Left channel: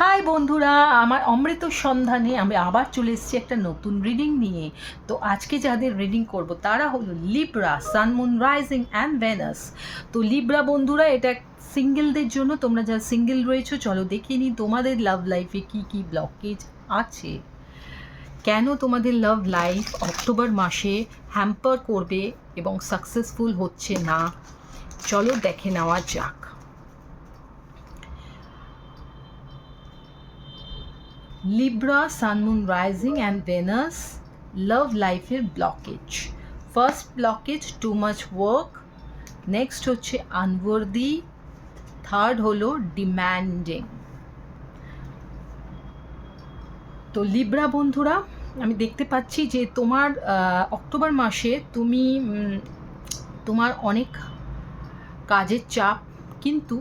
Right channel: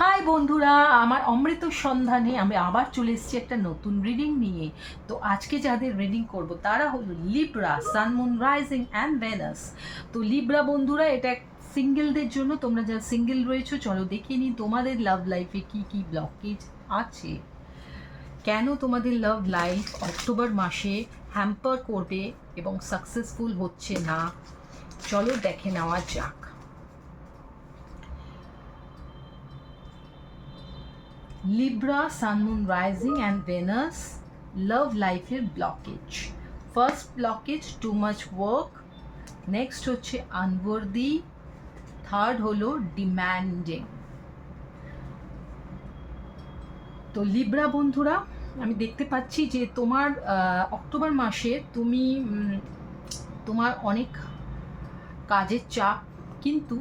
High বন্ধুরা, আমার অমৃত সন্ধানে আমি আবার চলে এসেছি একটা নতুন রিডিং নিয়ে। তো আজকে যাদের রিডিং করব তারা হলো Libra, sun moon rising and Venus. তো লিব্রা বন্ধুরা, এটা সিঙ্গেলদের জন্য। তোমরা যারা সিঙ্গেল রয়েছো, চলো দেখে নিই তোমাদের লাভ লাইফে কি কি ব্লকেজ আছে, কেন তোমাদের লাভ লাইফ অক্টোবর মাসে হ্যাম্পার করবে এবং সাকসেসফুল হচ্ছে না। চলো দেখে নেওয়া যাক। Libra, Sun, Moon, Rising and Venus, love life blockage. First blockage, too much work. Next হচ্ছে unworthy. Third হলো demanding. তো লিব্রা বন্ধুরা, আমি দেখতে পাচ্ছি যে তোমার অক্টোবর মাসে তুমি তোমার অনেক কাজের চাপ, কিন্তু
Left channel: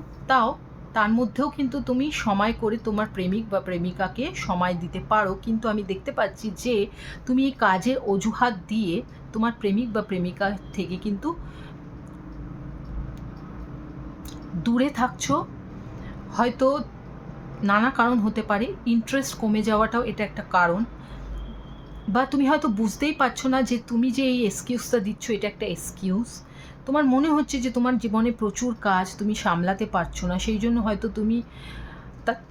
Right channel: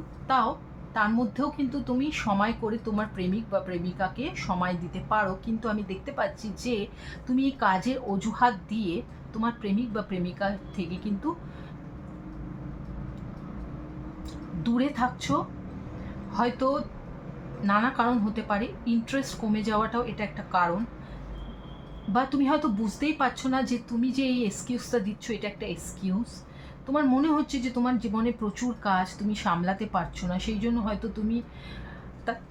তার মধ্যেও কিন্তু তুমি সময় করে তোমার প্রেমিক বা প্রেমিকাকে সময় দিতে পারো। কিন্তু আমি দেখতে পাচ্ছি যে তুমি এই কাজের অজুহাত দিয়ে তোমার প্রেমিক বা প্রেমিকা থেকে কিন্তু দূরে থাকছো। হয়তো নানা কারণ হতে পারে, ইন্টারেস্ট কমে যাওয়াটাও এটা একটা কারণ, বা তুমি হয়তো বুঝতেই পারছো না যে তুমি যে এই এক্সকিউজটা দিচ্ছ এটা একটা এক্সকিউজ। তোমার মনে হচ্ছে যে তোমার জীবনে প্রচুর কাজ, তুমি সামলাতে পারছো না, সেই জন্য হয়তো তুমি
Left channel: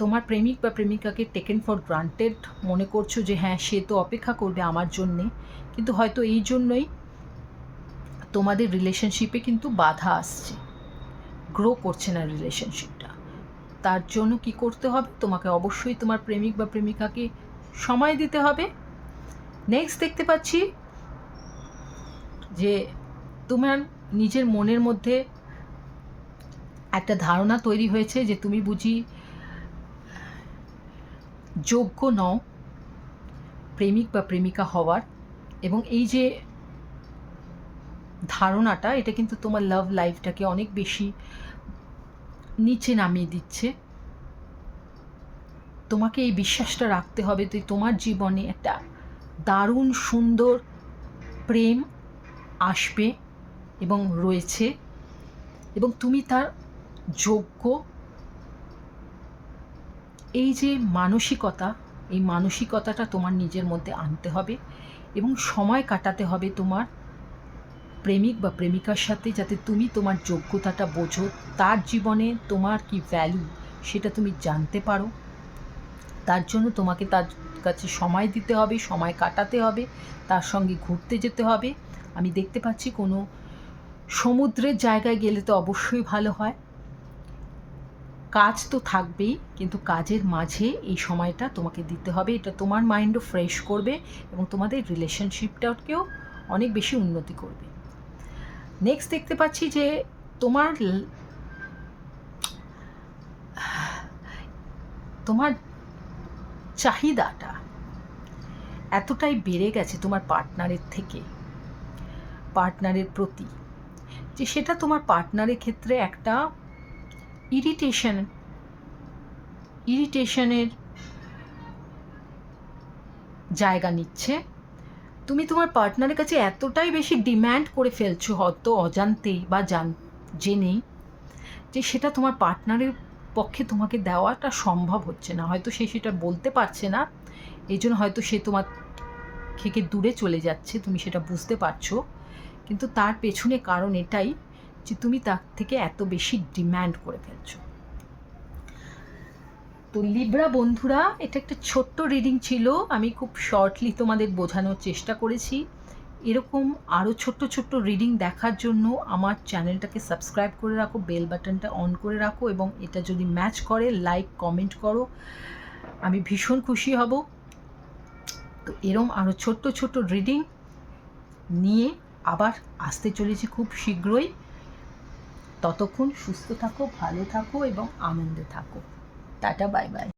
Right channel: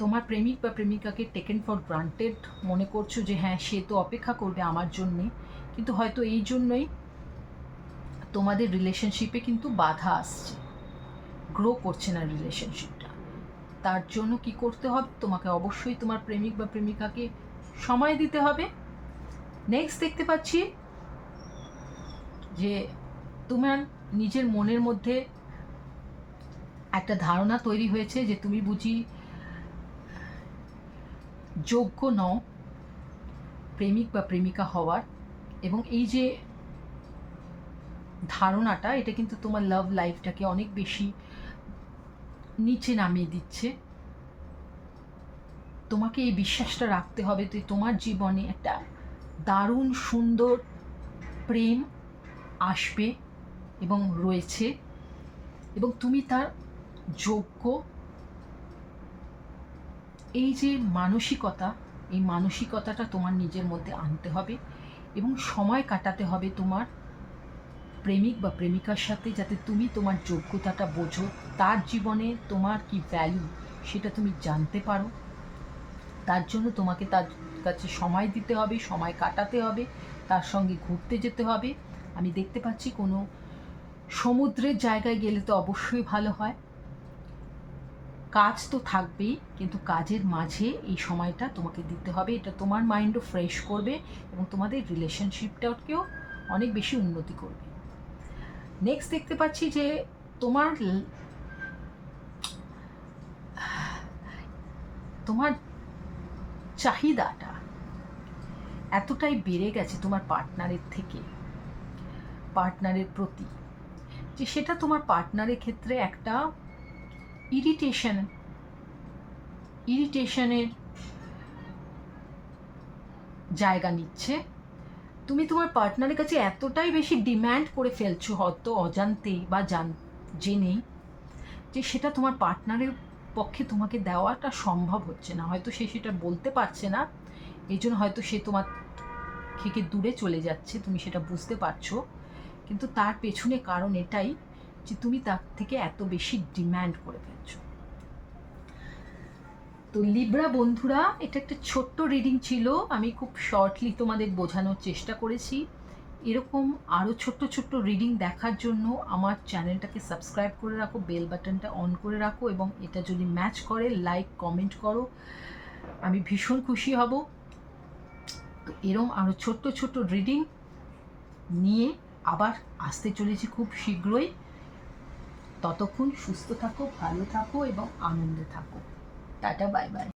তোমার প্রেমিক বা প্রেমিকাকে টেকেন ফর গ্রান্টেড মনে করছো, যে হ্যাঁ সে তো অপেক্ষা করবে আমার জন্যে। কিন্তু হয়তো এই জন্যই তোমাদের রিলেশনশিপে কিন্তু বাধা আসছে, গ্রো করছে না রিলেশনশিপটা। তার জন্য কি করতে হবে, তোমাকে অবশ্যই তোমার প্রেমিক বা প্রেমিকাকে সময় দিতে হবে। নেক্সট দেখতে পাচ্ছি যে তোমার নিজের মনের মধ্যে একটা ধারণা তৈরি হয়েছে যে তুমি বুঝি যোগ্য নও প্রেমিক বা প্রেমিকা হওয়ার, এবং এই যে ধারণাটা, এটা কিন্তু তোমার লাভ লাইফটাকে অনেক বেশি নিচে নামিয়ে দিচ্ছে। তোমাকে এই বিশ্বাসটা রাখতে হবে যে তোমার জীবনে একটা দারুণ সুন্দর প্রেম আসবে এবং রয়েছে, এবং তুমি তার যোগ্য। এই যে মানসিকতা, এই মানসিকতাটা তোমার নিজের মধ্যে আনতে হবে এবং সময় কাটাতে হবে তোমার প্রেমিক বা প্রেমিকার সাথে, যাতে তুমি তোমার যোগ্যতাটা বোঝো, তার জীবনে তোমার কি ভ্যালু সেটা তুমি জানতে পারো। তার জন্য তোমাকে তার কাছে সময় দিতে হবে, সময় কাটাতে হবে, তার সঙ্গে ঘুরতে যেতে হবে। আমি দেখতে পাচ্ছি কোনো সমুদ্রের জায়গায় গেলে তো অবশ্যই ভালো হয়। কাজ তো থাকবেই, কিন্তু কাজের মাঝে এই সময়টা তোমাকে দিতে হবে। এটা তোমার মাইন্ডও ফ্রেশ করবে এবং তোমাদের রিলেশনশিপটাকেও অনেক বেশি উন্নতি করবে। নেক্সট দেখতে পাচ্ছি যে তোমার তোমার চাহিদাটা এতটাই বেড়ে গেছে তোমার পার্টনারের থেকে, পার্টনারের প্রতি, যে সেটা তোমার পার্টনারের ক্ষেত্রে একটা ইরিটেশনের জায়গা নিচ্ছে। তুমি তোমার পার্টনারের কাছে এতটাই বেশি ডিম্যান্ড করে ফেলছো, হয়তো অজান্তেই বা জেনেই, যে সেটা তোমার পার্টনারের পক্ষে তোমাকে দেওয়াটা সম্ভব হচ্ছে না। হয়তো সে সেটা বলতে পারছে না, এই জন্য হয়তো সে তোমার থেকে দূরে চলে যাচ্ছে, তুমি সেটা বুঝতে পারছো। কিন্তু তার পেছনে কারণ এটাই যে তুমি তার থেকে এত বেশি ডিম্যান্ড করে ফেলছো। তো লিব্রা বন্ধুরা, এটা একটা ছোট্ট রিডিং ছিল, আমি খুব শর্টলি তোমাদের বোঝানোর চেষ্টা করেছি। এরকম আরও ছোট্ট ছোট্ট রিডিং দেখার জন্য আমার চ্যানেলটাকে সাবস্ক্রাইব করে রাখো, বেল বাটনটা অন করে রাখো, এবং এটা যদি ম্যাচ করে লাইক কমেন্ট করো, আমি ভীষণ খুশি হব। তো এরম আরও ছোট্ট ছোট্ট রিডিং নিয়ে আবার আসতে চলেছি খুব শীঘ্রই। ততক্ষণ সুস্থ থাকো, ভালো থাকো এবং আনন্দে থাকো। Tata, bye bye.